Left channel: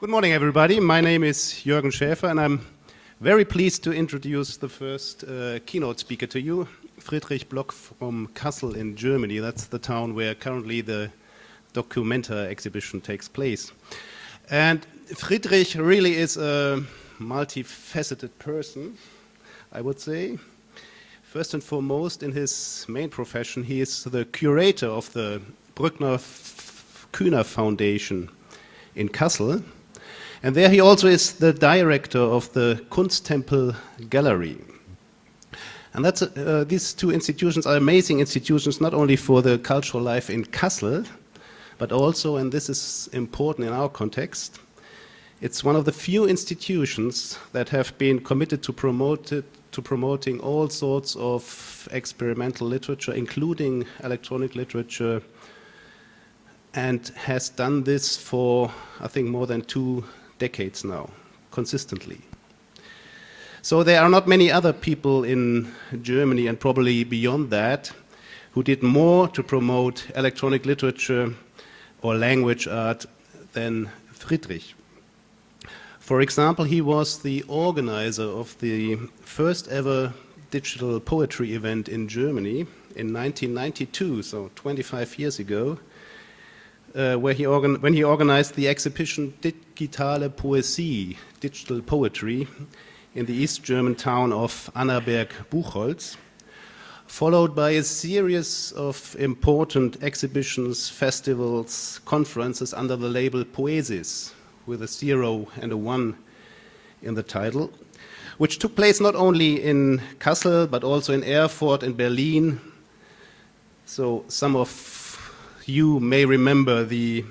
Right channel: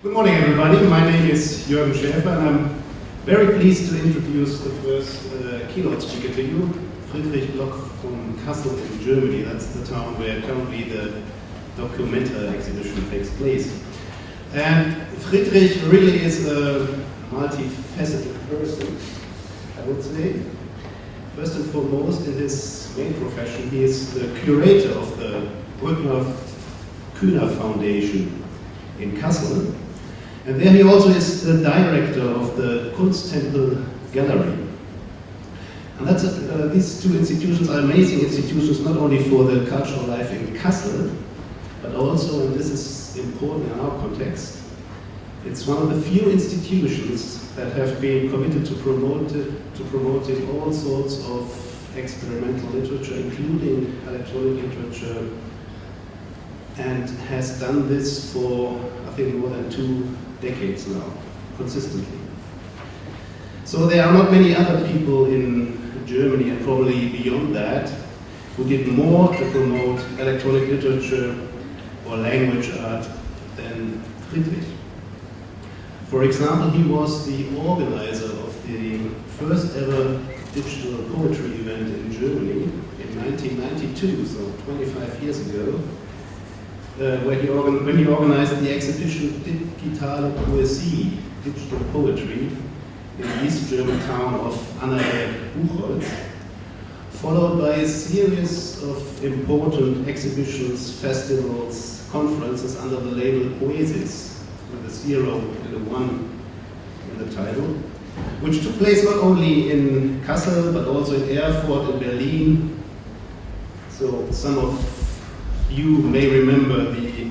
Good morning, everybody. My name is Jürgen Schäfer, and I'm very pleased to introduce the first keynote speaker to you, Friedrich W from Kassel in Germany. That's the town where currently the Documenta exhibition takes place. And Friedrich really is a multifaceted person, I would say. First and foremost, in his main profession, he is the curator of the Brückner-Kühner Foundation in Kassel. And there he also is the director of the Kunsttempel Gallery. And that's, these two institutions are amazing institutions, not only for the cultural life in Kassel, but also, and this is important in our context, it's one of the few institutions that have been committed to promoting all sorts of experimental literature, including electronic literature, and has done this for, I think, more than 2 decades now, consistently. So there are not many other people in Germany, and probably beyond that, who did more to promote electronic literature or language art than Friedrich. For example, he was the organizer of the first ever digital poetry event in Germany in 1992, so 25 years ago, when he organized the exhibition Digitale Poesie, Digital Poetry, in the East German town of Annaberg-Buchholz, followed by a series of important exhibitions, festivals, conferences under the label Poesis, with a 0 and a 1 in the title, which took place not only in Kassel, but also in Erfurt, in Berlin. So some of you may remember the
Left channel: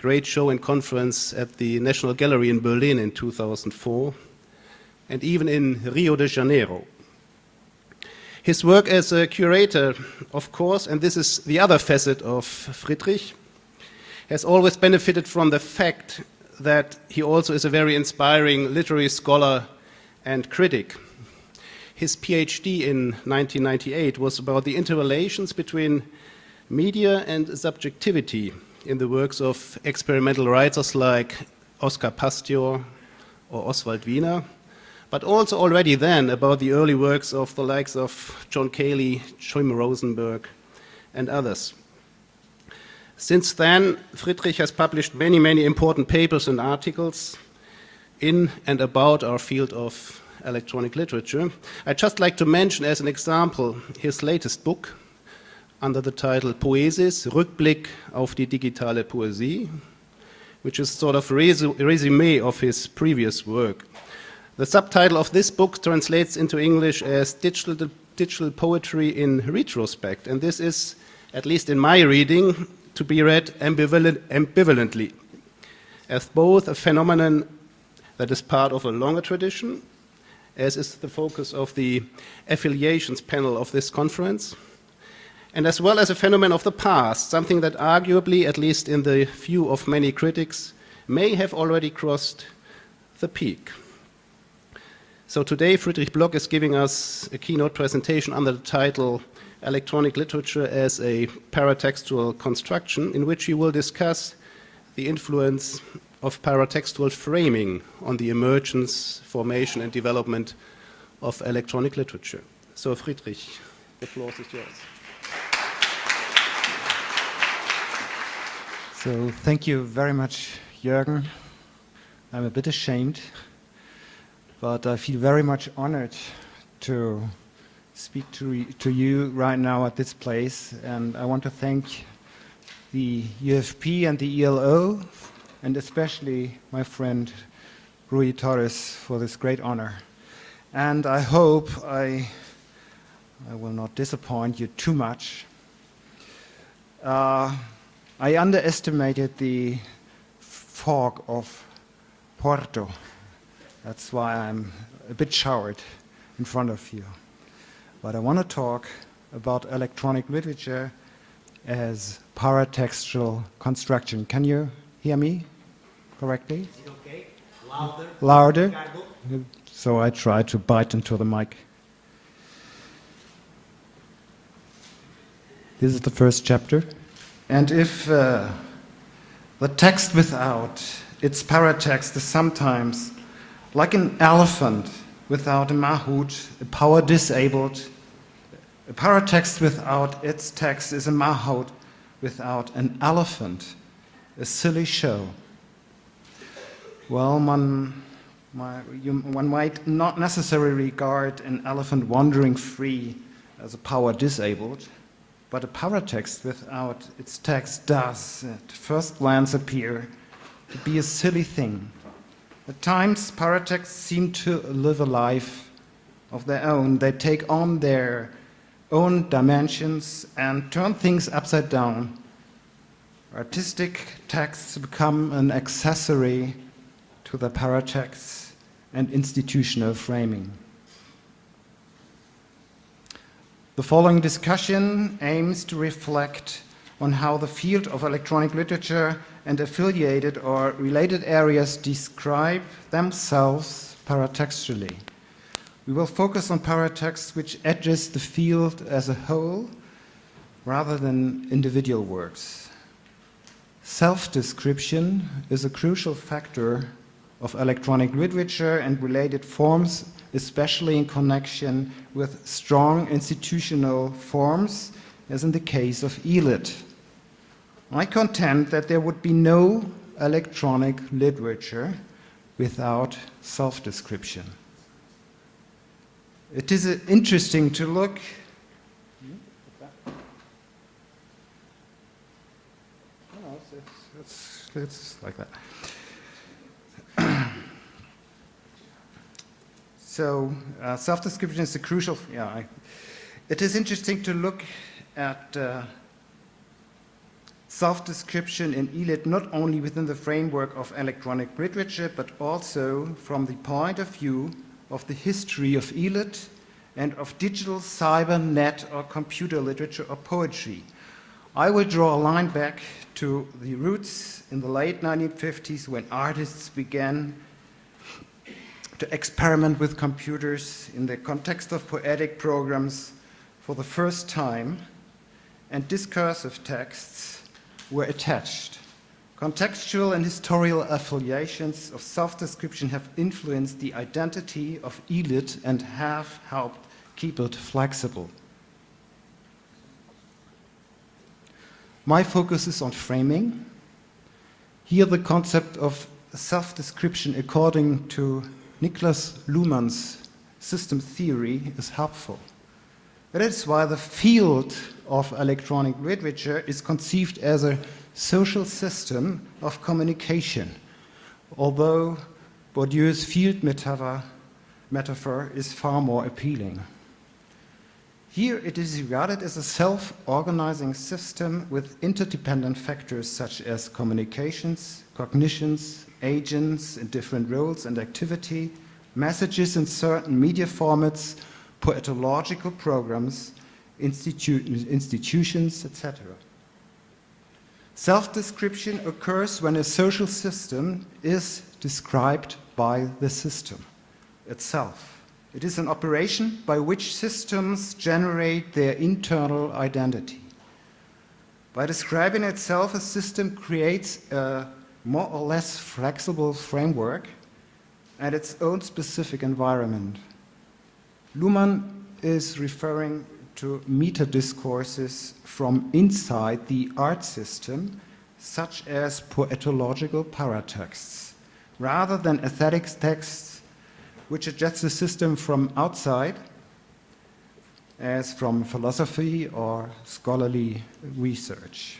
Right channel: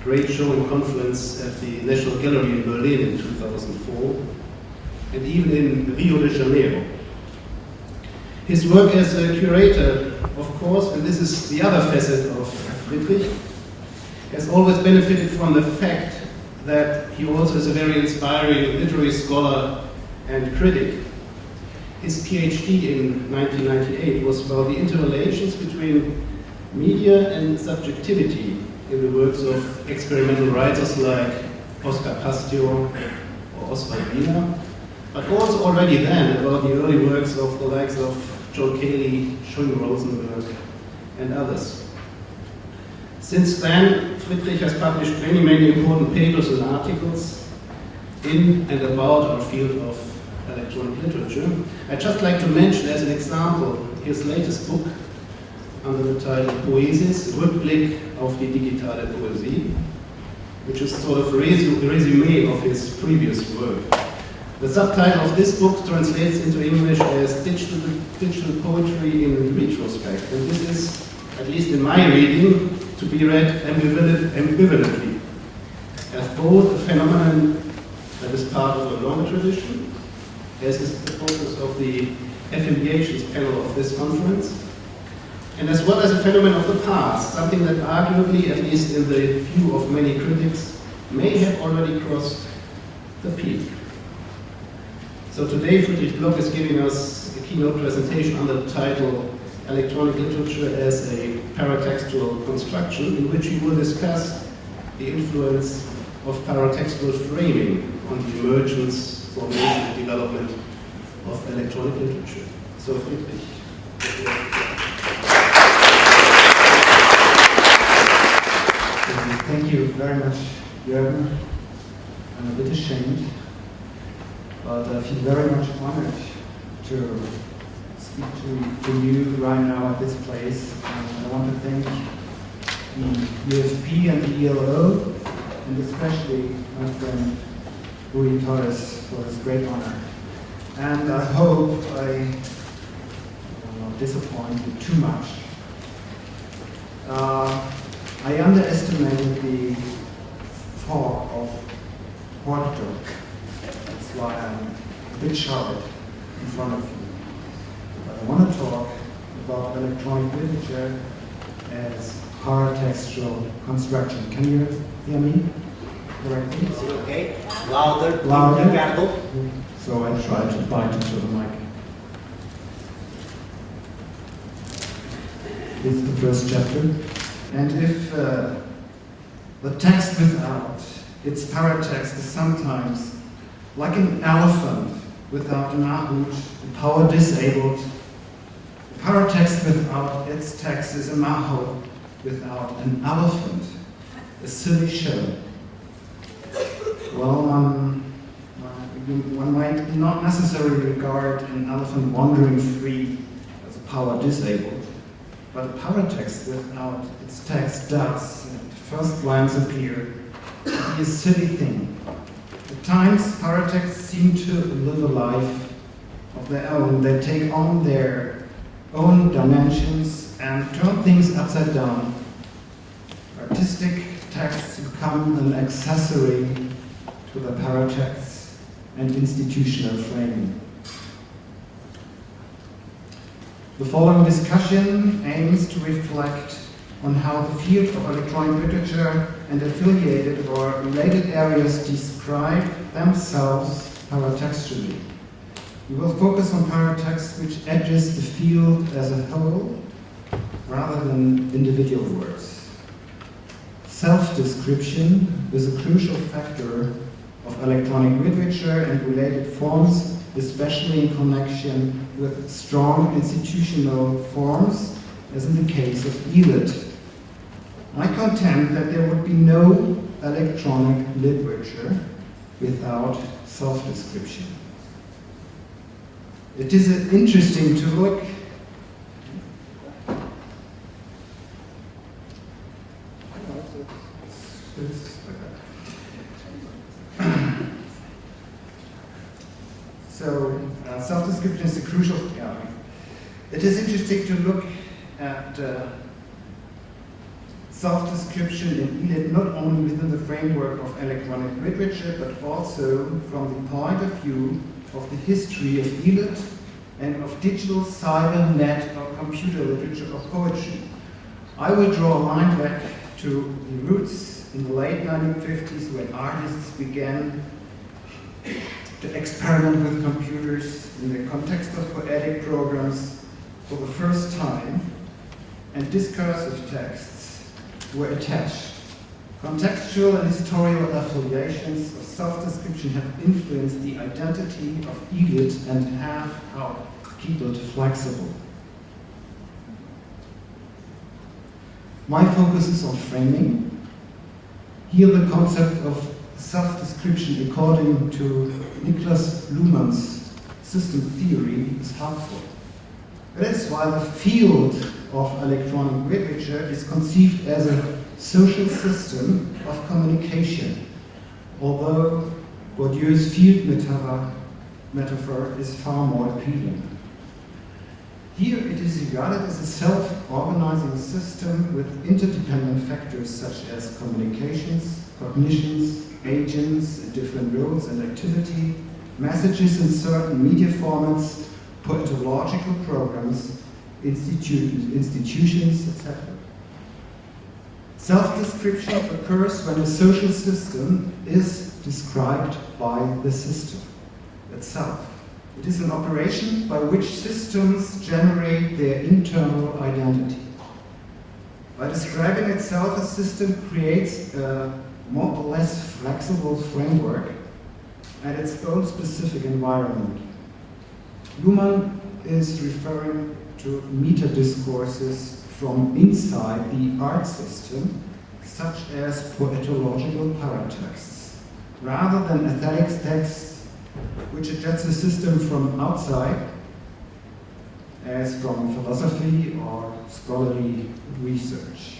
great show and conference at the National Gallery in Berlin in 2004, and even in Rio de Janeiro. His work as a curator, of course, and this is the other facet of Friedrich, has always benefited from the fact that he also is a very inspiring literary scholar and critic. His PhD in 1998 was about the interrelations between media and subjectivity in the works of experimental writers like Oskar Pastio or Oswald Wiener, but also already then about the early works of the likes of Joel Cayley, Schwing Rosenberg, and others. Since then, Friedrich has published many, many important papers and articles in and about our field of electronic literature. I'd just like to mention as an example his latest book under the title Poesis, Rückblick auf die digitale Poesie, which is sort of a resume of his previous work. The subtitle of this book translates into English as Digital Poetry in Retrospect, and this is, at least in my reading, to be read ambivalently, as both a phenomenon that is part of a longer tradition, as is the focus of the affiliations panel of this conference, and as well as a phenomenon of the past, something that arguably, at least in the view of many critics, may have already crossed the peak. So today, Friedrich W is giving us a keynote presentation under the title Electronic Literature as a Paratextual Construction, in which he will discuss the influence of paratextual framing on the emergence, formation, and development of electronic literature. So, Friedrich. Thank you very much, Jürgen. I'm a bit ashamed, but I feel very much honored to speak to you right now at this place, and I want to thank the UFP and the ELO, and especially my friend Rui Torres for this great honor. And I hope I will not disappoint you too much. I underestimated the fog of Porto. That's why I'm a bit showered in front of you. But I want to talk about electronic literature as paratextual construction. Can you hear me correctly? Okay. Louder. Louder. So I try to bite into the mic. This is the first chapter. And if the text without its paratext is sometimes like an elephant without a mahout, a power disabled. The paratext without its text is a mahout without an elephant, a silly show. Well, one might not necessarily regard an elephant wandering free as a power disabled, but a paratext without its text does, at first glance, appear to be a silly thing. At times, paratexts seem to live a life of their own. They take on their own dimensions and turn things upside down. Artistic texts become an accessory to the paratexts and institutional framing. The following discussion aims to reflect on how the field of electronic literature and affiliated or related areas describe themselves paratextually. We will focus on paratext which address the field as a whole rather than individual works. Self-description is a crucial factor of electronic literature and related forms, especially in connection with strong institutional forms, as in the case of ELIT. I contend that there would be no electronic literature without self-description. It is interesting to look it's like that. So self-description is a crucial. It is interesting to look at self-description in ELIT not only within the framework of electronic literature, but also from the point of view of the history of ELIT and of digital, cyber, net, or computer literature or poetry. I will draw a line back to the roots in the late 1950s when artists began to experiment with computers in the context of poetic programs for the first time, and discursive texts were attached. Contextual and historical affiliations of self-description have influenced the identity of ELIT and have helped keep it flexible. My focus is on framing. Here the concept of self-description according to Niklas Luhmann's system theory is helpful. That is why the field of electronic literature is conceived as a social system of communication, although Bourdieu's field metaphor is far more appealing. Here it is regarded as a self-organizing system with interdependent factors such as communications, cognitions, agents in different roles and activity, messages in certain media formats, poetological programs, institutions, etc. Self-description occurs when a social system is described by the system itself. It is an operation by which systems generate their internal identity. By describing itself, a system creates a more or less flexible framework and its own specific environment. Luhmann is referring to meta-discourses from inside the art system, such as poetological paratexts, rather than aesthetic texts which adjust the system from outside, as from philosophy or scholarly research.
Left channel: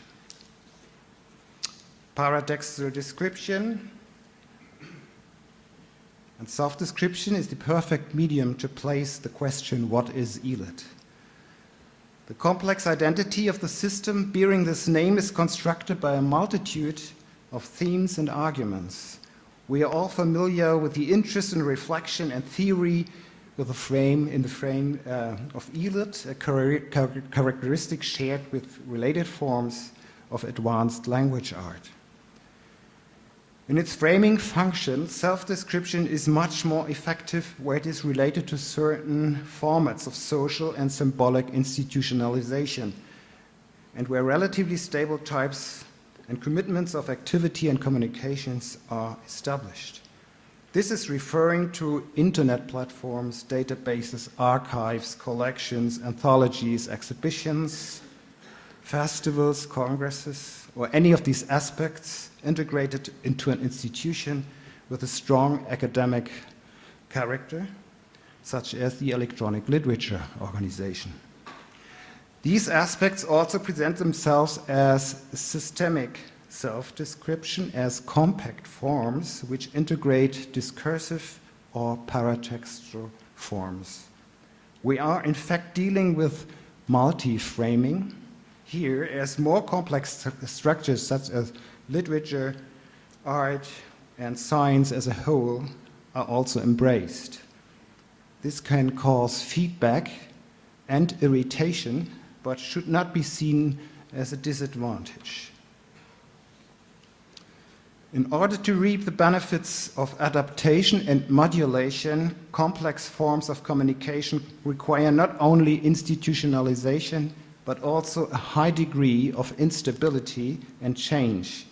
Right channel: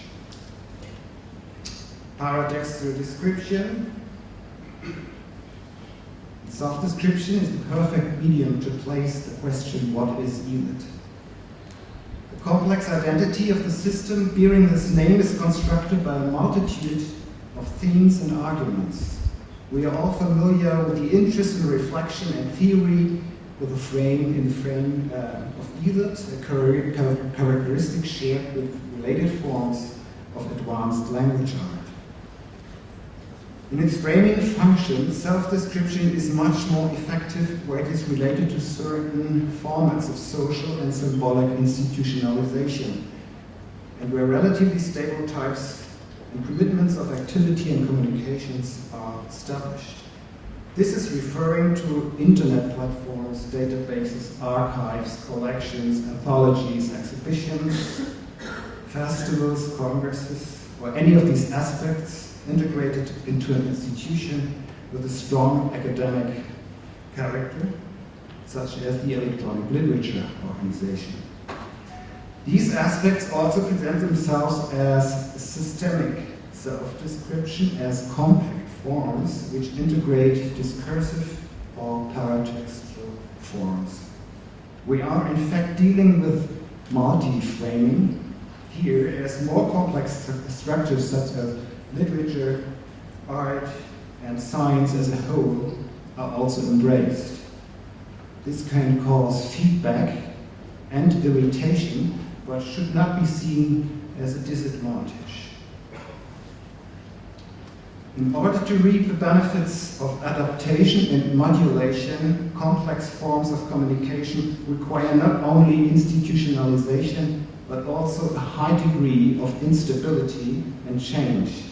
Paratextual description and self-description is the perfect medium to place the question, what is ELIT? The complex identity of the system bearing this name is constructed by a multitude of themes and arguments. We are all familiar with the interest in reflection and theory with the frame of ELIT, a characteristic shared with related forms of advanced language art. In its framing function, self-description is much more effective where it is related to certain formats of social and symbolic institutionalization, and where relatively stable types and commitments of activity and communications are established. This is referring to internet platforms, databases, archives, collections, anthologies, exhibitions, festivals, congresses, or any of these aspects integrated into an institution with a strong academic character, such as the Electronic Literature Organization. These aspects also present themselves as systemic self-description, as compact forms which integrate discursive or paratextual forms. We are in fact dealing with multi-framing here, as more complex structures such as literature, art, and science as a whole are also embraced. This can cause feedback and irritation, but should not be seen as a disadvantage. In order to reap the benefits of adaptation and modulation, complex forms of communication require not only institutionalization, but also a high degree of instability and change.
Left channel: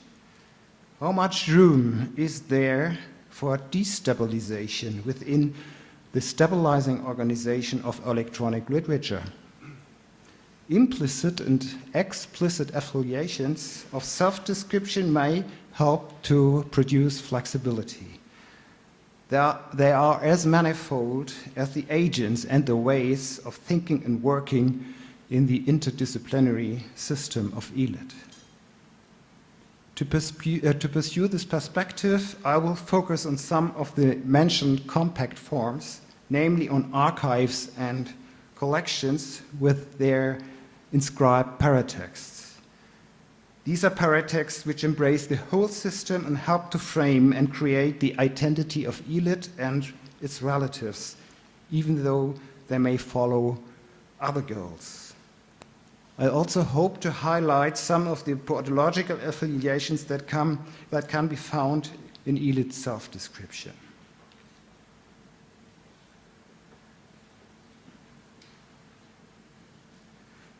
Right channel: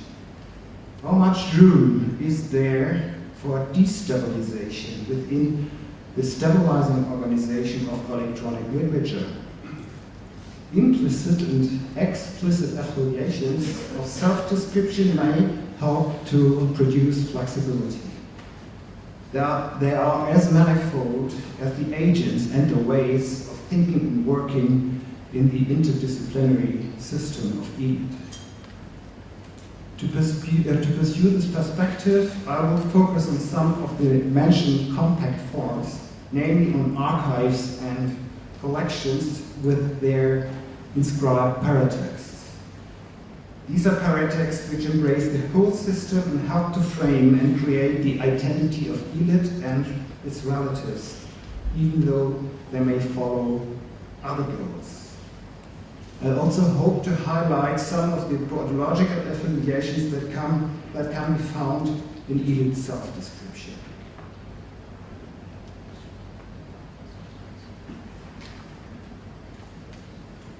How much room is there for destabilization within the stabilizing organization of electronic literature? Implicit and explicit affiliations of self-description may help to produce flexibility. They are as manifold as the agents and the ways of thinking and working in the interdisciplinary system of ELIT. To pursue this perspective, I will focus on some of the mentioned compact forms, namely on archives and collections with their inscribed paratexts. These are paratexts which embrace the whole system and help to frame and create the identity of ELIT and its relatives, even though they may follow other goals. I also hope to highlight some of the ontological affiliations that can be found in ELIT self-description.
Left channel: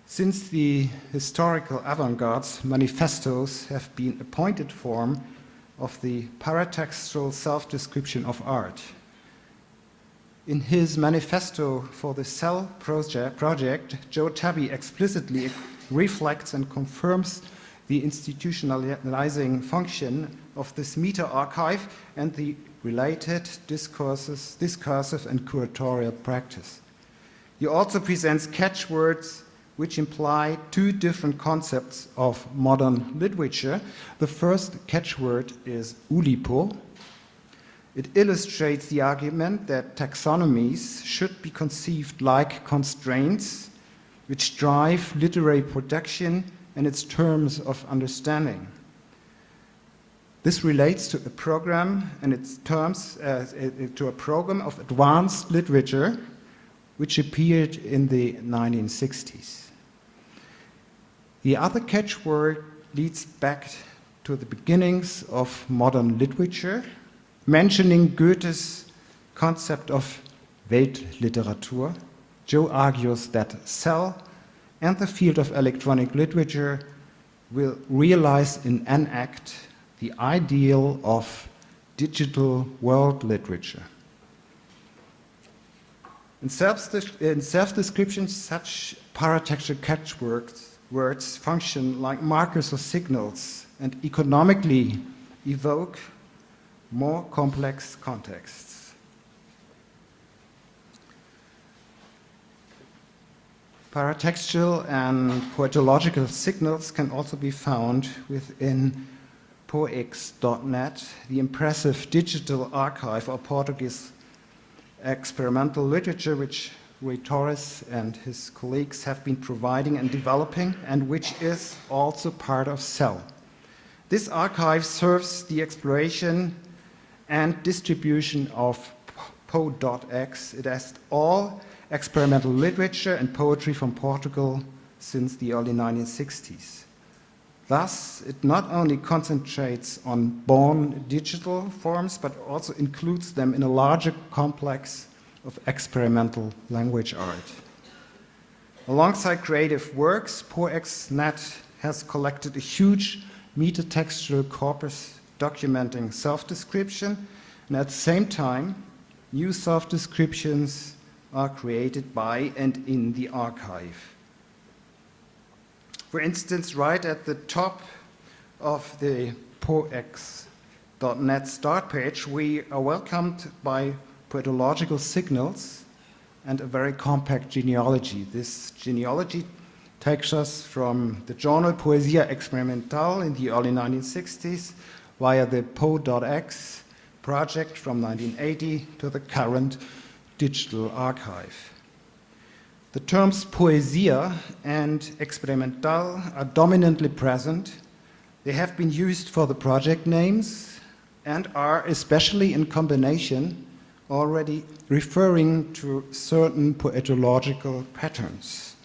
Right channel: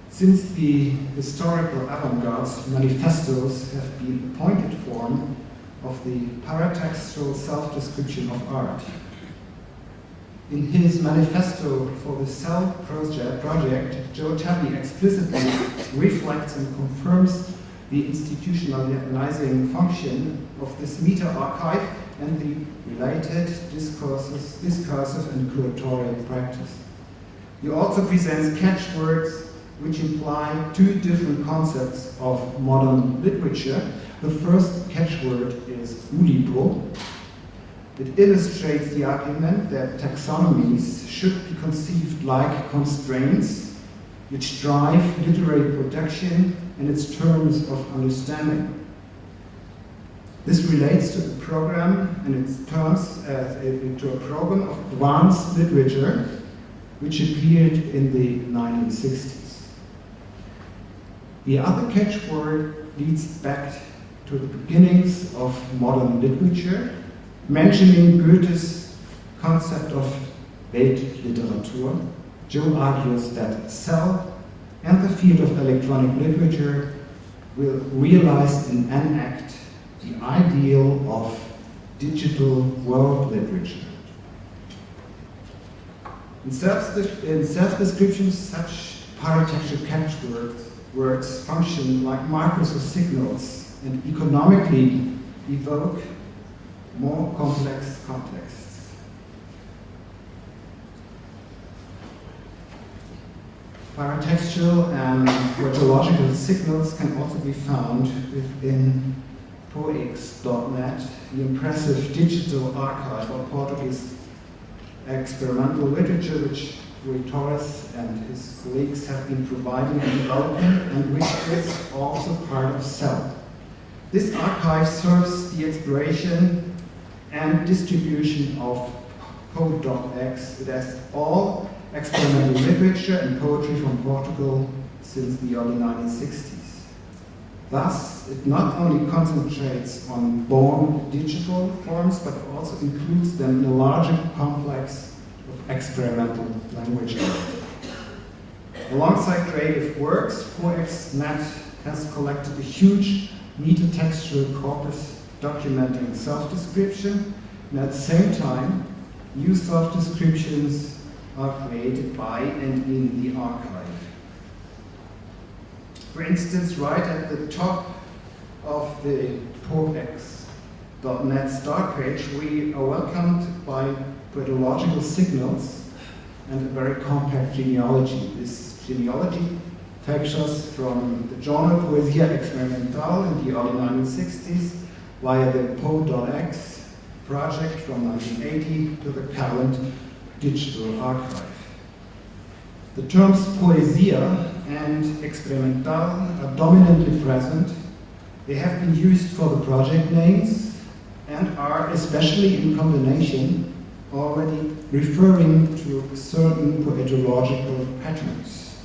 Since the historical avant-garde's manifestos have been a pointed form of the paratextual self-description of art, in his manifesto for the Cell project, Joe Tabby explicitly reflects and confirms the institutionalizing function of this meta-archive and the related discursive and curatorial practice. He also presents catchwords which imply two different concepts of modern literature. The first catchword is ulipo. It illustrates the argument that taxonomies should be conceived like constraints which drive literary production and its terms of understanding. This relates to a program and its terms to a program of advanced literature which appeared in the 1960s. The other catchword leads back to the beginnings of modern literature, mentioning Goethe's concept of Weltliteratur. Joe argues that Cell and the field of electronic literature will realize in an act the ideal of digital world literature. In self-description, such paratextual catchwords function like markers or signals and economically evoke more complex contexts. Paratextual and poetological signals can also be found within poex.net, the impressive digital archive of Portuguese experimental literature which Rui Torres and his colleagues have been providing and developing, and which is also part of Cell. This archive serves the exploration and distribution of po.x. It has all experimental literature and poetry from Portugal since the early 1960s. Thus, it not only concentrates on born digital forms, but also includes them in a larger complex of experimental language art. Alongside creative works, poex.net has collected a huge metatextual corpus documenting self-description, and at the same time, new self-descriptions are created by and in the archive. For instance, right at the top of the poex.net start page, we are welcomed by poetological signals and a very compact genealogy. This genealogy takes us from the journal Poesia Experimentale in the early 1960s via the po.x project from 1980 to the current digital archive. The terms poesia and experimental are dominantly present. They have been used for the project names and are, especially in combination, already referring to certain poetological patterns.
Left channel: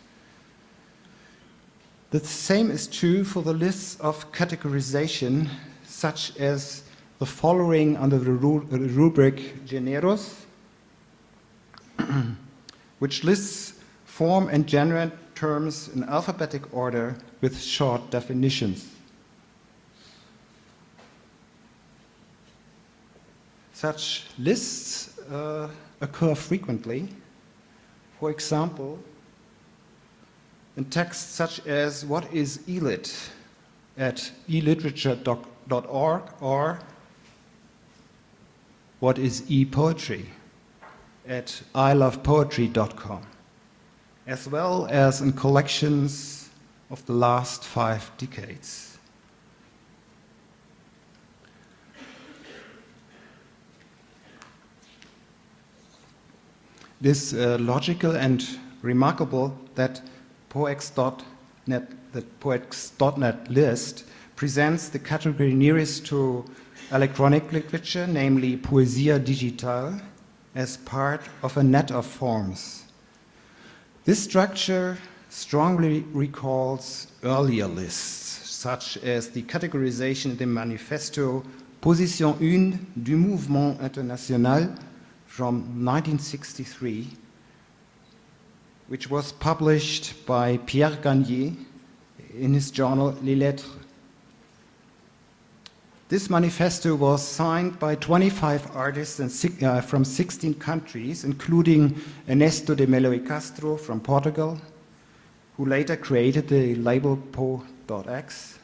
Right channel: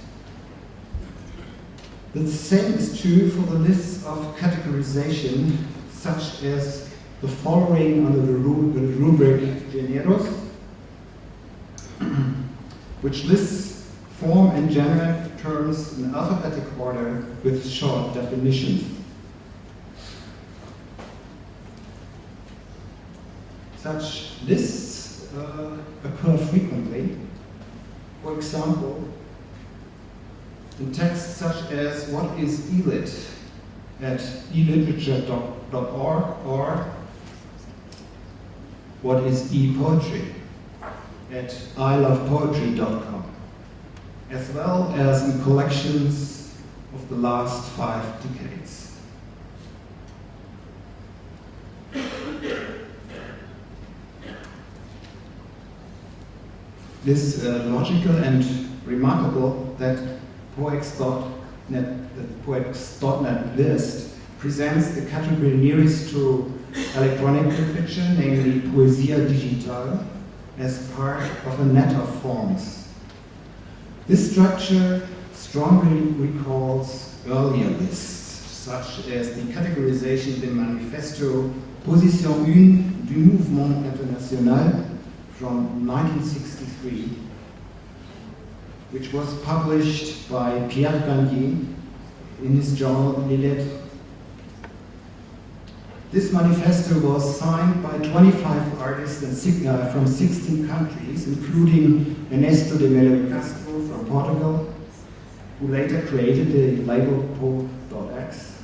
The same is true for the lists of categorization, such as the following under the rubric generos, which lists form and genre terms in alphabetic order with short definitions. Such lists occur frequently. For example, in texts such as what is elit at eliterature.org or what is e-poetry at ilovepoetry.com, as well as in collections of the last 5 decades. It is logical and remarkable that the poex.net list presents the category nearest to electronic literature, namely Poesia Digital, as part of a net of forms. This structure strongly recalls earlier lists, such as the categorization de Manifesto Position 1 du Mouvement International from 1963, which was published by Pierre Gagnier in his journal Les Lettres. This manifesto was signed by 25 artists from 16 countries, including Ernesto de Melo e Castro from Portugal, who later created the label po.x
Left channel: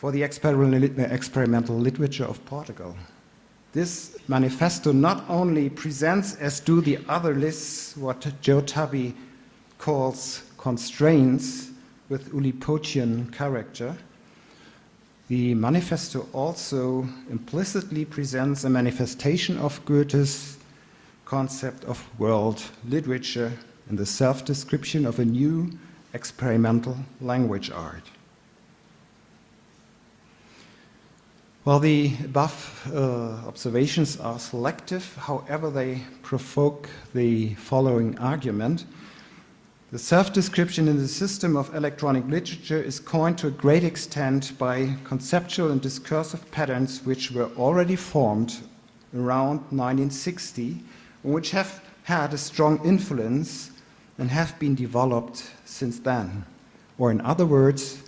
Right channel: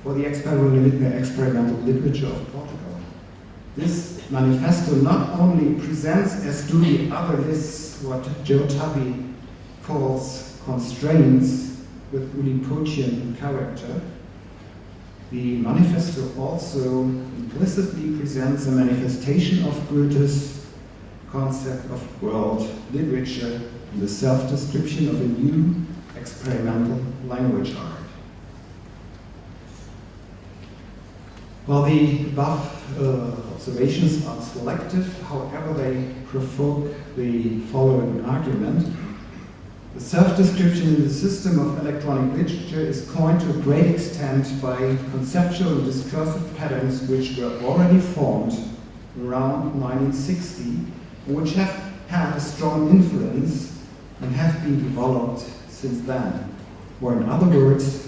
for the experimental literature of Portugal. This manifesto not only presents, as do the other lists, what Joe Tubby calls constraints with Ulipotian character, the manifesto also implicitly presents a manifestation of Goethe's concept of world literature and the self-description of a new experimental language art. While the above observations are selective, however, they provoke the following argument. The self-description in the system of electronic literature is coined to a great extent by conceptual and discursive patterns which were already formed around 1960 and which have had a strong influence and have been developed since then. Or in other words,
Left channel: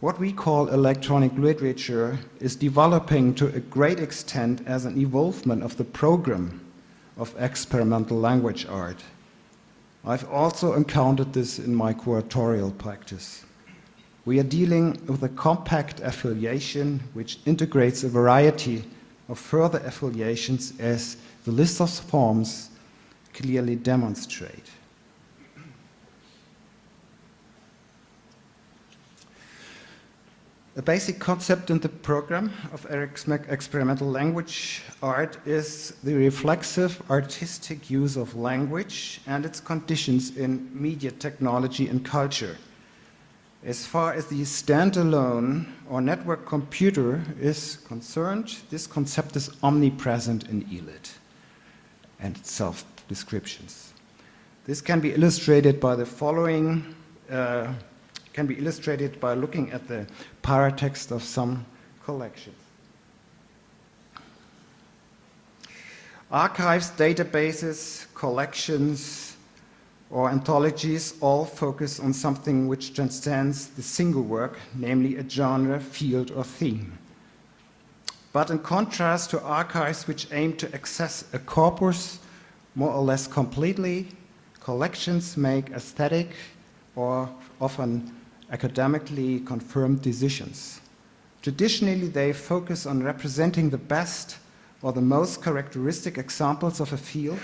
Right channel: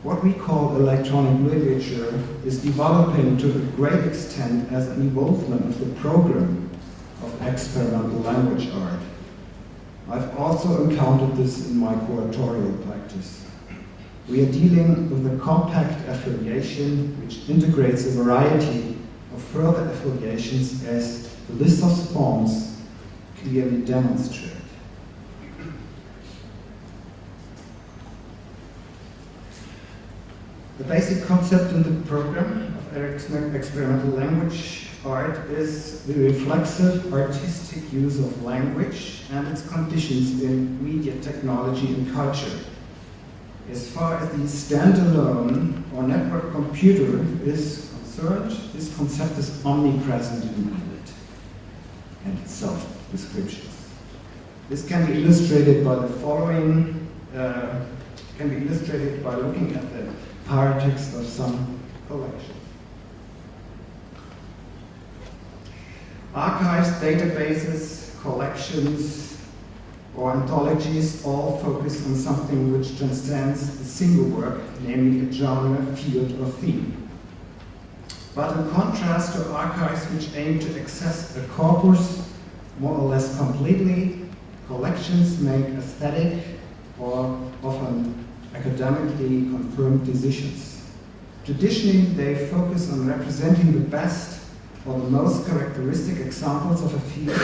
what we call electronic literature is developing to a great extent as an evolvement of the program of experimental language art. I've also encountered this in my curatorial practice. We are dealing with a compact affiliation which integrates a variety of further affiliations as the list of forms clearly demonstrate. The basic concept in the program of experimental language art is the reflexive artistic use of language and its conditions in media technology and culture. As far as the standalone or network computer is concerned, this concept is omnipresent in ELIT and its self-descriptions. This can be illustrated by the following, can be illustrated by looking at the paratext of some collections. Archives, databases, collections, or anthologies all focus on something which transcends the single work, namely a genre, field, or theme. But in contrast to archives which aim to access a corpus more or less completely, collections make aesthetic or often academically confirmed decisions. Traditionally, they focus on representing the best or the most characteristic examples of a field.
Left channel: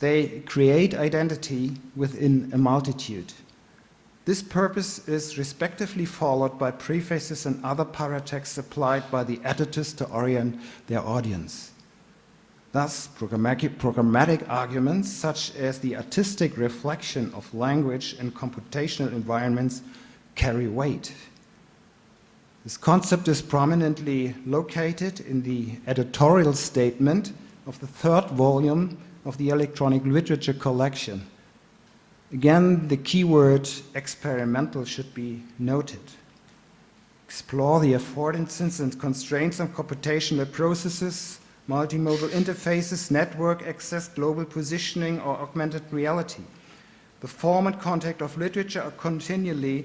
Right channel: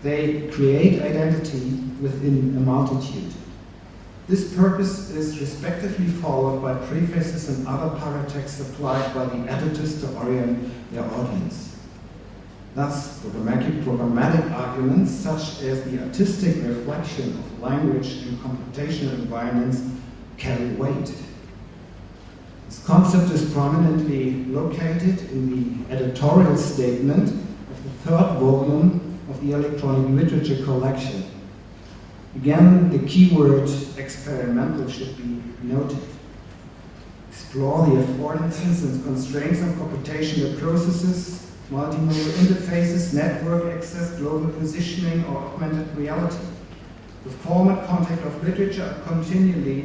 They create identity within a multitude. This purpose is respectively followed by prefaces and other paratexts applied by the editors to orient their audience. Thus, programmatic arguments such as the artistic reflection of language in computational environments carry weight. This concept is prominently located in the editorial statement of the 3rd volume of the electronic literature collection. Again, the keyword experimental should be noted. Explore the affordances and constraints of computational processes, multimodal interfaces, network access, global positioning, or augmented reality. The form and content of literature are continually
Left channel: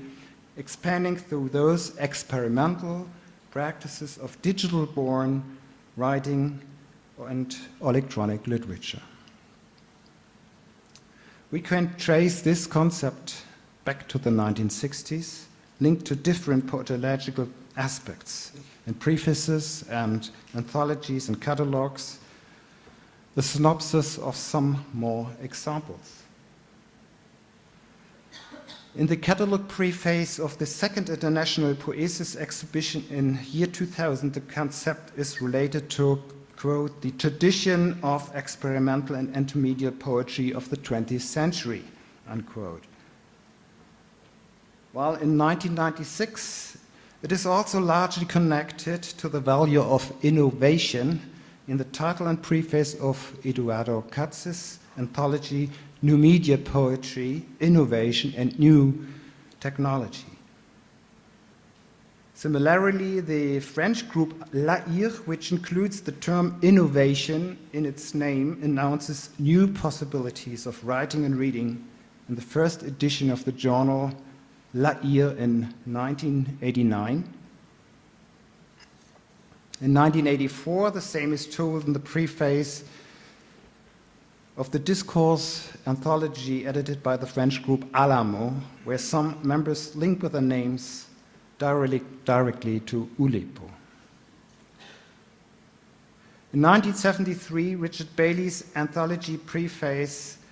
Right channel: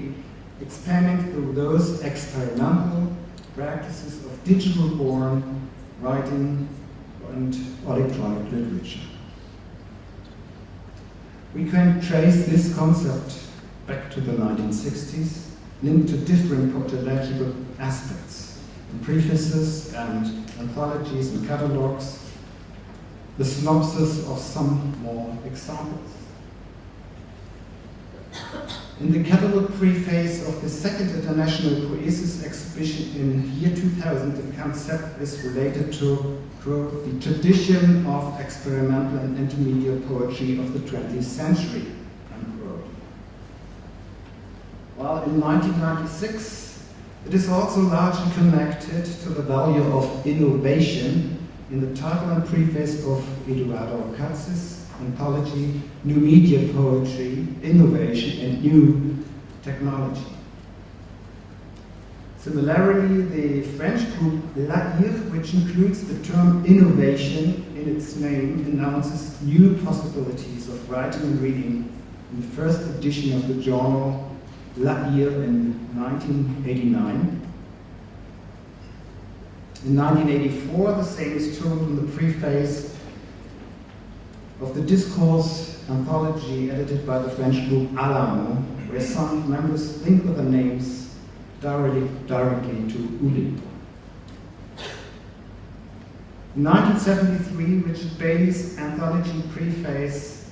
expanding through those experimental practices of digital-born writing and electronic literature. We can trace this concept back to the 1960s, linked to different pedagogical aspects in prefaces and anthologies and catalogs, the synopsis of some more examples. In the catalog preface of the 2nd International Poesis Exhibition in year 2000, the concept is related to, quote, the tradition of experimental and intermediate poetry of the 20th century, unquote. While in 1996, it is also largely connected to the value of innovation in the title and preface of Eduardo Katz's anthology, New Media Poetry, Innovation and New Technology. Similarly, the French group L'Air, which includes the term innovation in its name, announces new possibilities of writing and reading in the first edition of the journal L'Air in 1989. In 1984, the same is told in the preface of the Discourse anthology edited by the French group Alamo, where some members link with their names directly to Oulipo. In 1973, Richard Bailey's anthology preface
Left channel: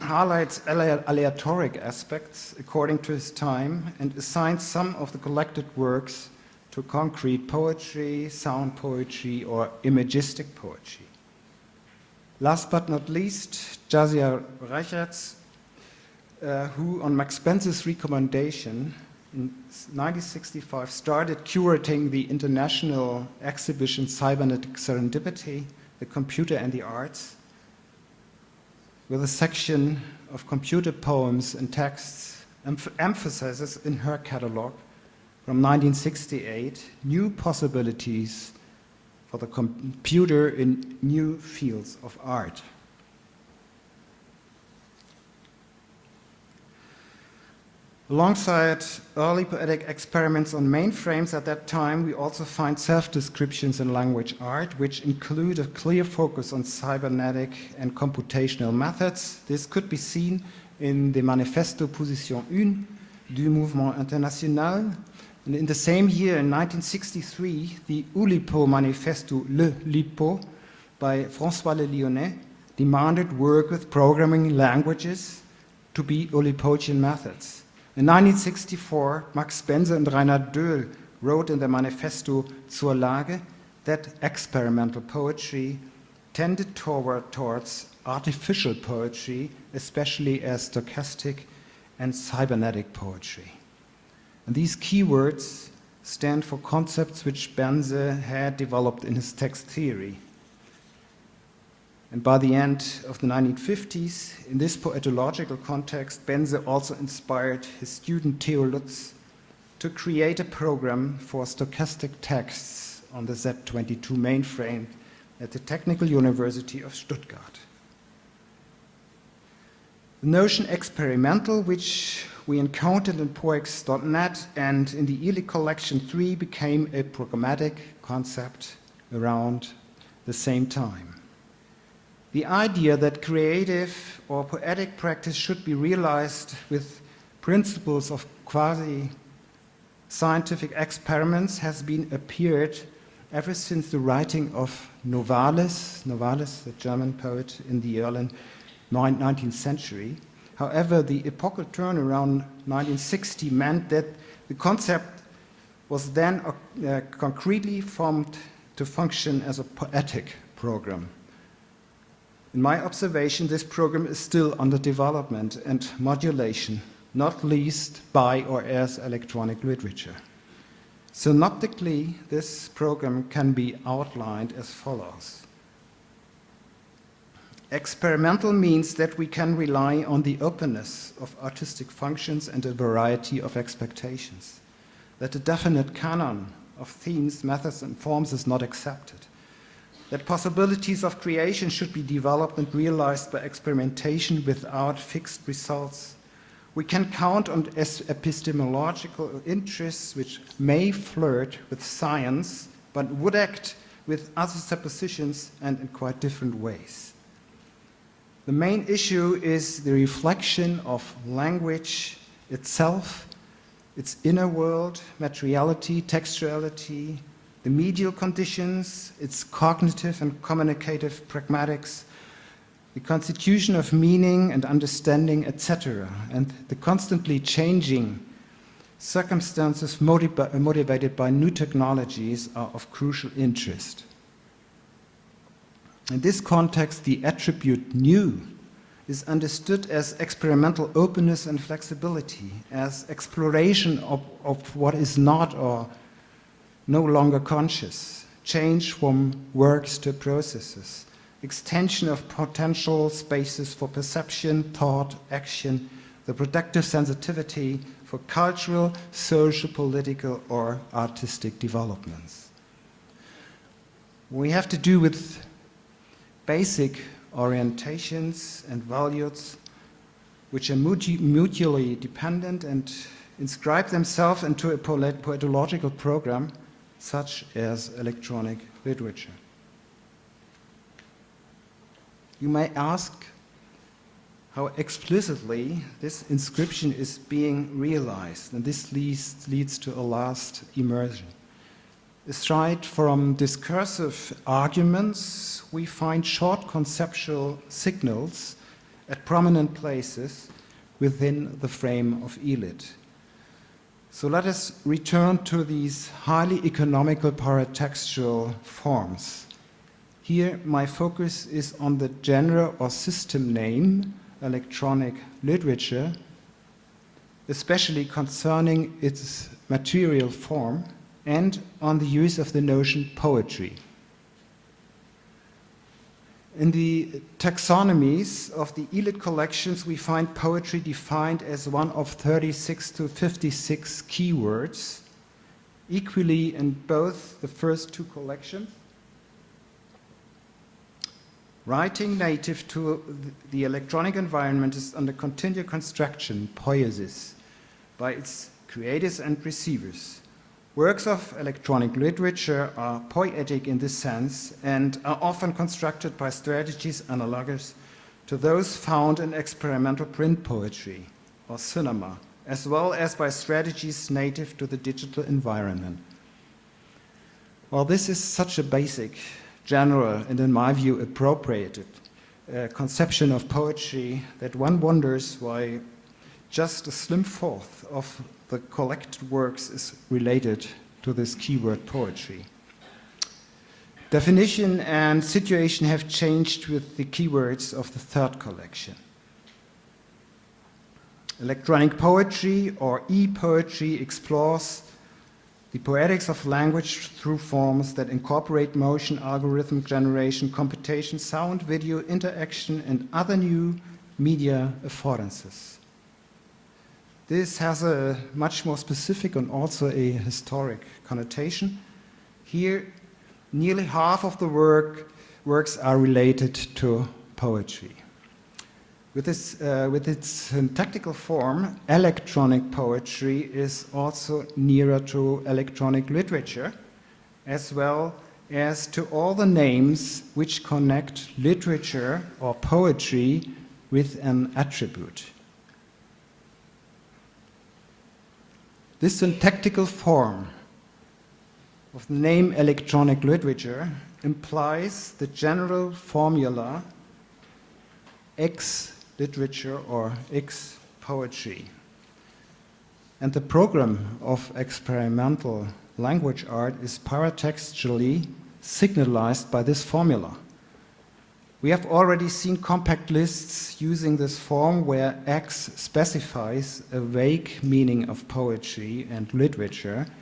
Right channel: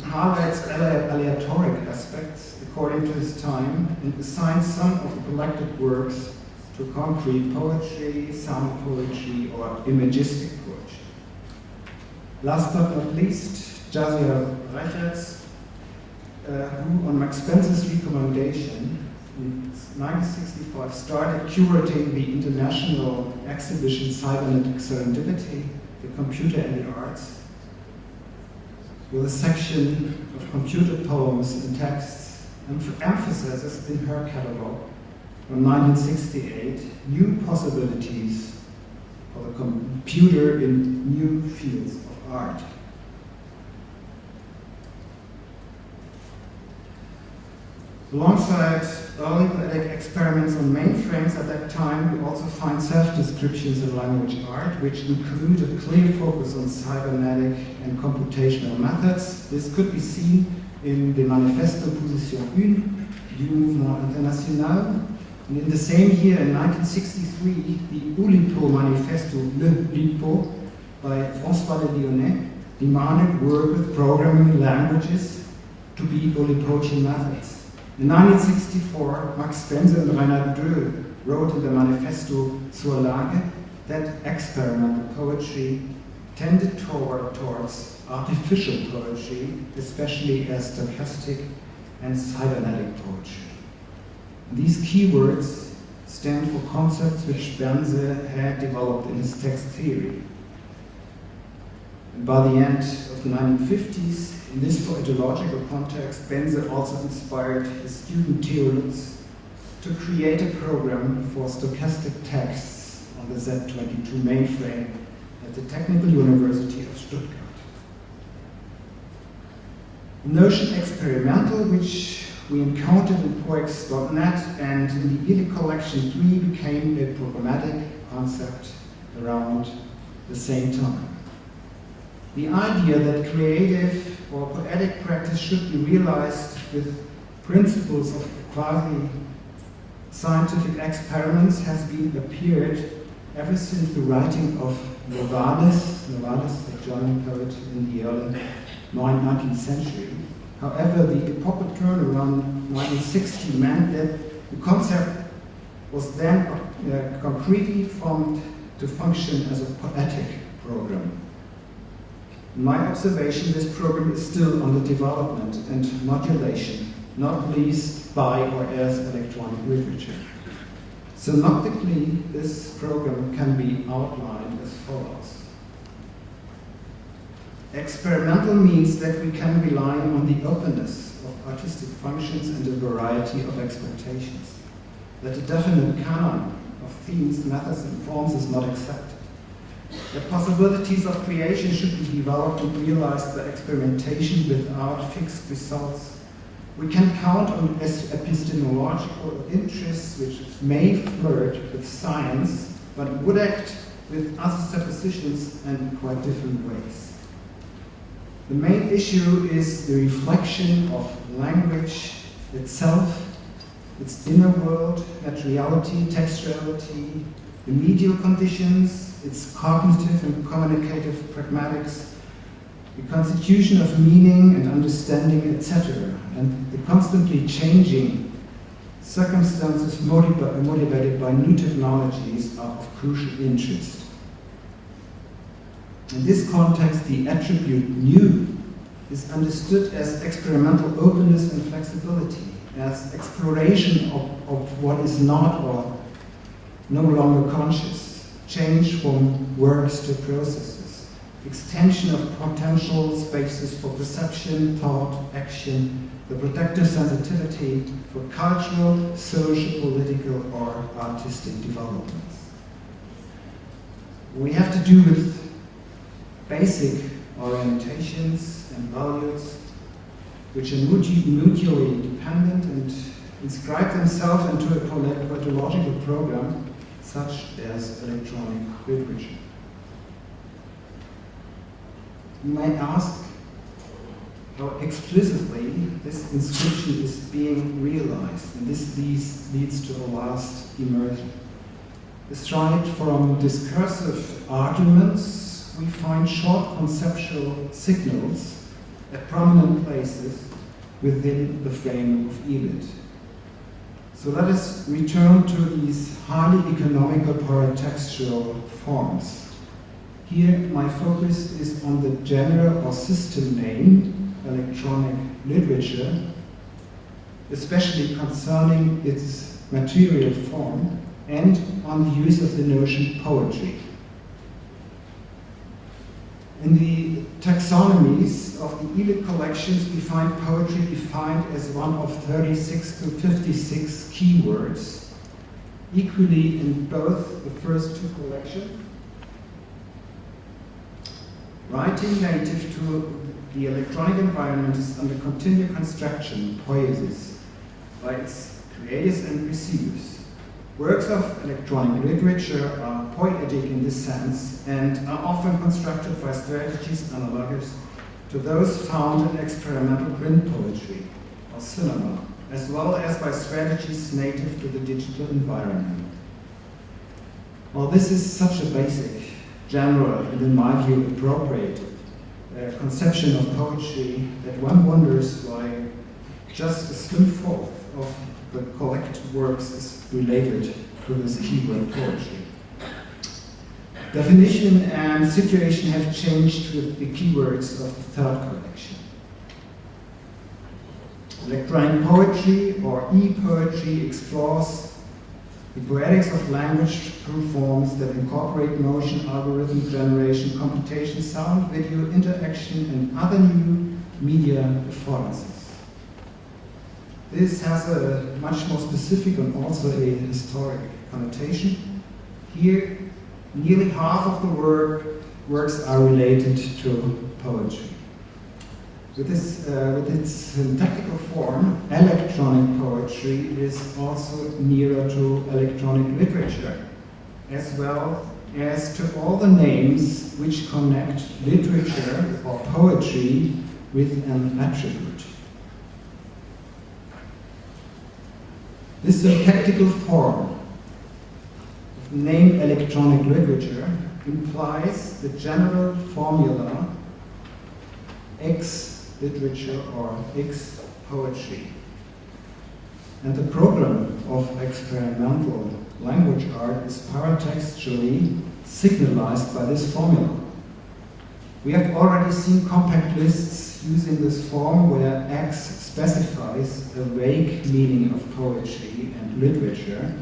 highlights aleatoric aspects according to his time and assigns some of the collected works to concrete poetry, sound poetry, or imagistic poetry. Last but not least, Jasiah Reichertz, who on Max Spencer's recommendation in 1965 started curating the international exhibition Cybernetic Serendipity, the Computer and the Arts, with a section of computer poems and texts, emphasizes in her catalog from 1968 new possibilities for the computer in new fields of art. Alongside early poetic experiments on mainframes at that time, we also find self-descriptions in language art, which include a clear focus on cybernetic and computational methods. This could be seen in the Manifesto Position 1 du Mouvement International. And in the same year, in 1963, the Oulipo Manifesto, Le Lipo, by François Le Lyonnais, demanded work with programming languages to be Oulipochian methods. In 1964, Max Spencer and Reinhard Dö wrote in the Manifesto zur Lage that experimental poetry tended towards artificial poetry, especially as stochastic and cybernetic poetry. And these keywords stand for concepts which Benze had developed in his text theory. And by the end of the 1950s, in this poetological context, Benze also inspired his student Theo Lutz to create a program for stochastic texts on the Z22 mainframe at the Technical University of Stuttgart. The notion experimental, which we encountered in poex.net and in the ELIC collection 3, became a programmatic concept around the same time. The idea that creative or poetic practice should be realized with principles of quasi-scientific experiments has been appeared ever since the writing of Novalis, the German poet in the early 19th century. However, the epochal turn around 1960 meant that the concept was then concretely formed to function as a poetic program. In my observation, this program is still under development and modulation, not least by or as electronic literature. Synoptically, this program can be outlined as follows. Experimental means that we can rely on the openness of artistic functions and a variety of expectations, that a definite canon of themes, methods, and forms is not accepted, that possibilities of creation should be developed and realized by experimentation without fixed results. We can count on epistemological interests which may flirt with science, but would act with other suppositions and quite different ways. The main issue is the reflection of language itself, its inner world, materiality, textuality, the medial conditions, its cognitive and communicative pragmatics, the constitution of meaning and understanding, etc., and the constantly changing circumstances motivated by new technologies are of crucial interest. In this context, the attribute new is understood as experimental openness and flexibility, as exploration of what is not or no longer conscious, change from works to processes, extension of potential spaces for perception, thought, action, the productive sensitivity for cultural, social, political, or artistic developments. We have to do with basic orientations and values which are mutually dependent and inscribe themselves into a poetological program such as electronic literature. You may ask how explicitly this inscription is being realized, and this leads to a last immersion. Aside from discursive arguments, we find short conceptual signals at prominent places within the frame of ELIT. So let us return to these highly economical paratextual forms. Here my focus is on the genre or system name, electronic literature, especially concerning its material form, and on the use of the notion poetry. In the taxonomies of the ELIT collections, we find poetry defined as one of 36 to 56 keywords, equally in both the first two collections. Writing native to the electronic environment is under continued construction, poiesis, by its creators and receivers. Works of electronic literature are poetic in this sense and are often constructed by strategies analogous to those found in experimental print poetry or cinema, as well as by strategies native to the digital environment. While this is such a basic, general, and in my view appropriate conception of poetry that one wonders why just a slim fourth of the collected works is related to this keyword poetry. Definition and situation have changed with the keywords of the third collection. Electronic poetry, or e-poetry, explores the poetics of language through forms that incorporate motion, algorithm generation, computation, sound, video, interaction, and other new media affordances. This has a much more specific and also a historic connotation. Here, nearly half of the works are related to poetry. With its syntactical form, electronic poetry is also nearer to electronic literature, as well as to all the names which connect literature or poetry with an attribute. This syntactical form of name electronic literature implies the general formula X literature or X poetry. And the program of experimental language art is paratextually signalized by this formula. We have already seen compact lists using this form where X specifies a vague meaning of poetry and literature,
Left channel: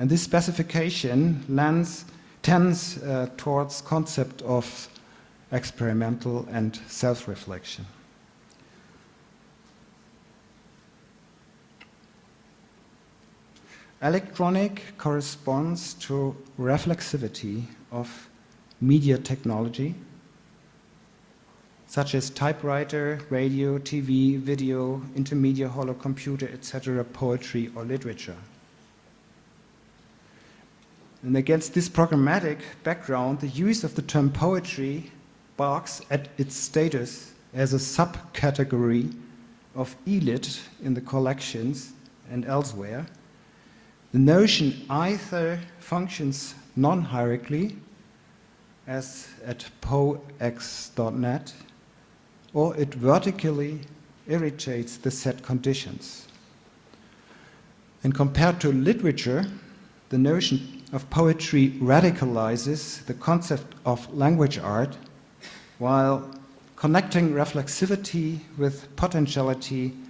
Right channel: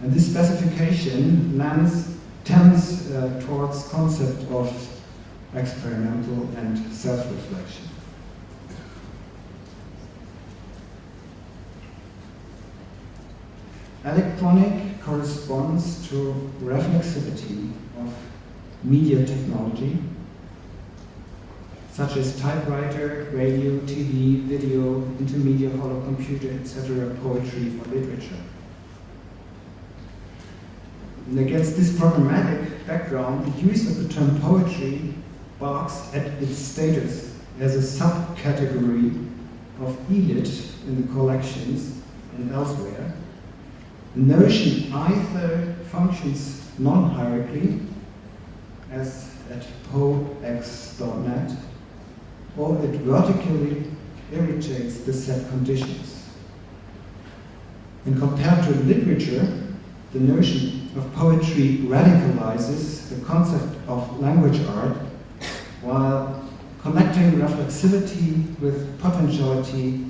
and this specification tends towards concept of experimental and self-reflection. Electronic corresponds to reflexivity of media technology, such as typewriter, radio, TV, video, intermedia, holo computer, etc., poetry or literature. And against this programmatic background, the use of the term poetry barks at its status as a subcategory of elite in the collections and elsewhere. The notion either functions non-hierarchically, as at poex.net, or it vertically irritates the set conditions. And compared to literature, the notion of poetry radicalizes the concept of language art, while connecting reflexivity with potentiality,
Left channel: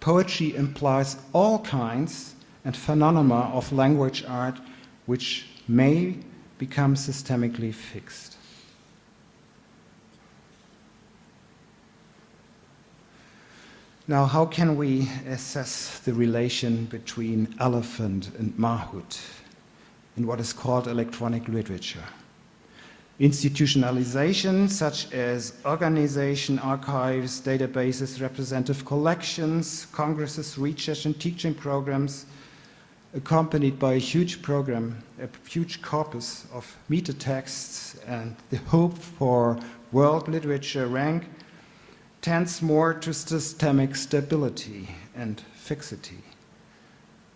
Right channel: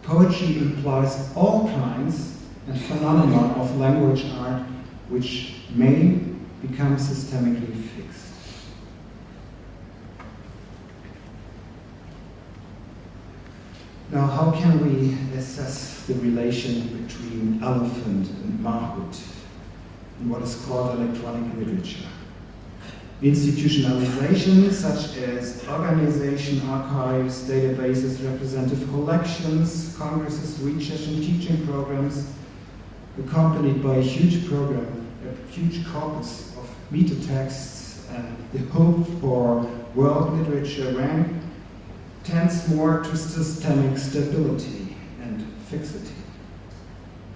poetry implies all kinds and phenomena of language art which may become systemically fixed. Now, how can we assess the relation between elephant and Mahut in what is called electronic literature? Institutionalization, such as organization, archives, databases, representative collections, congresses, research and teaching programs, accompanied by a huge program, a huge corpus of metatexts, and the hope for world literature rank tends more to systemic stability and fixity.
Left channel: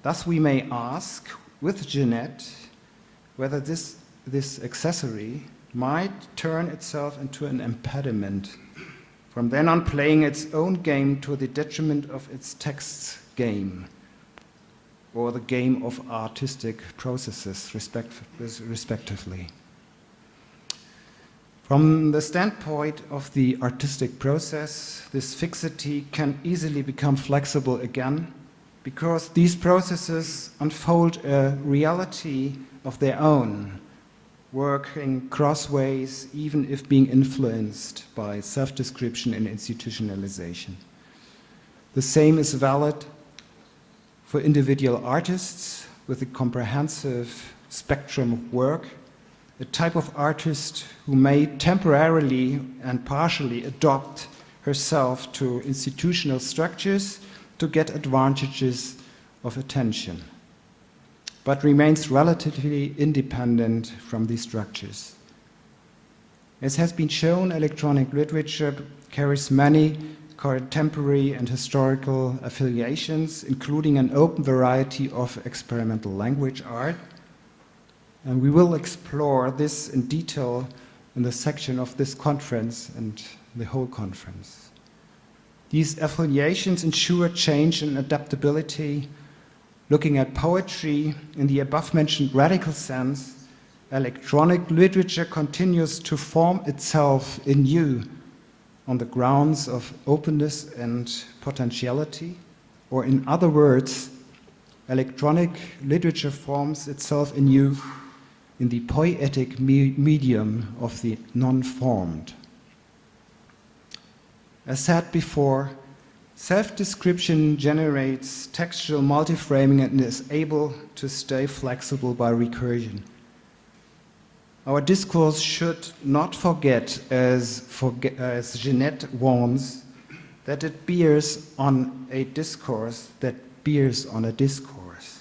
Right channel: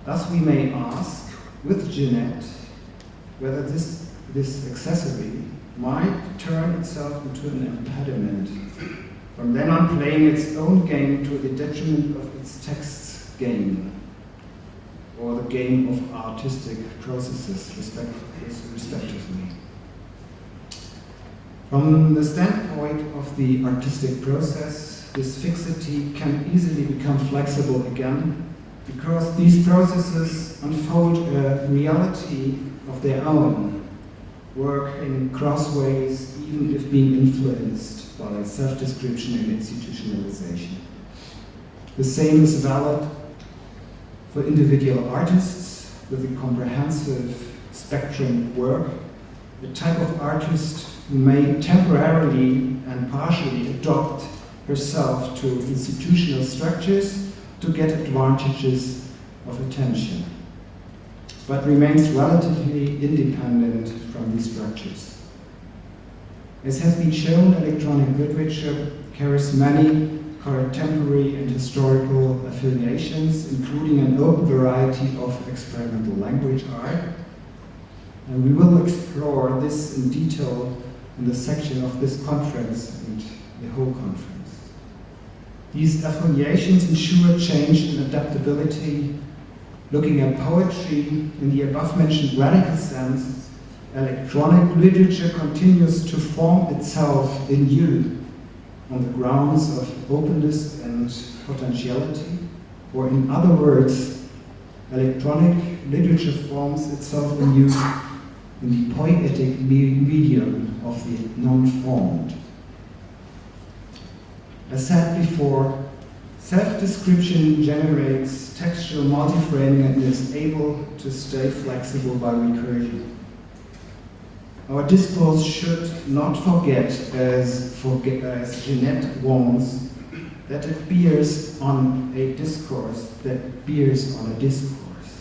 Thus we may ask, with Jeanette, whether this accessory might turn itself into an impediment, from then on playing its own game to the detriment of its text's game, or the game of artistic processes, respectively. From the standpoint of the artistic process, this fixity can easily become flexible again, because these processes unfold a reality of their own, working crossways, even if being influenced by self-description and institutionalization. The same is valid for individual artists with a comprehensive spectrum of work, the type of artist who may temporarily and partially adopt herself to institutional structures to get advantages of attention, but remains relatively independent from these structures. As has been shown, electronic literature carries many contemporary and historical affiliations, including an open variety of experimental language art. And we will explore this in detail in the section of this conference and the whole conference. These affiliations ensure change and adaptability. Looking at poetry in the above-mentioned radical sense, electronic literature continues to form itself anew on the grounds of openness and potentiality, or in other words, electronic literature forms itself anew in the poetic medium of the non-formed. As said before, self-description generates textual multiframing and is able to stay flexible by recursion. Our discourse should not forget, as Jeanette warns, that it bears on a discourse that bears on a discourse,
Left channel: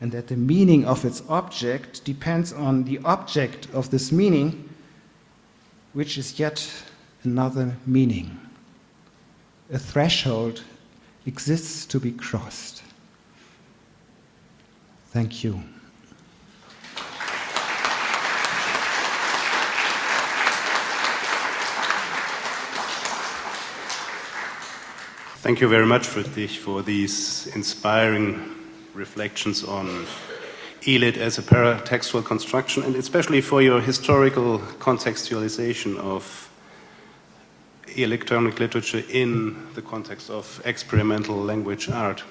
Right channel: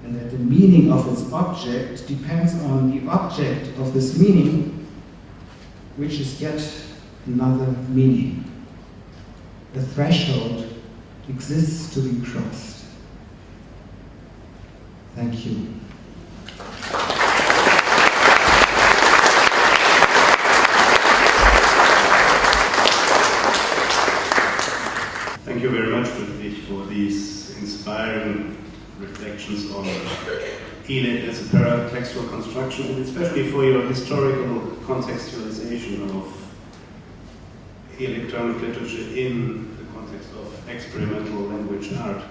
and that the meaning of its object depends on the object of this meaning, which is yet another meaning. A threshold exists to be crossed. Thank you. Thank you very much, Friedrich, for these inspiring reflections on ELIT as a paratextual construction, and especially for your historical contextualization of electronic literature in the context of experimental language art.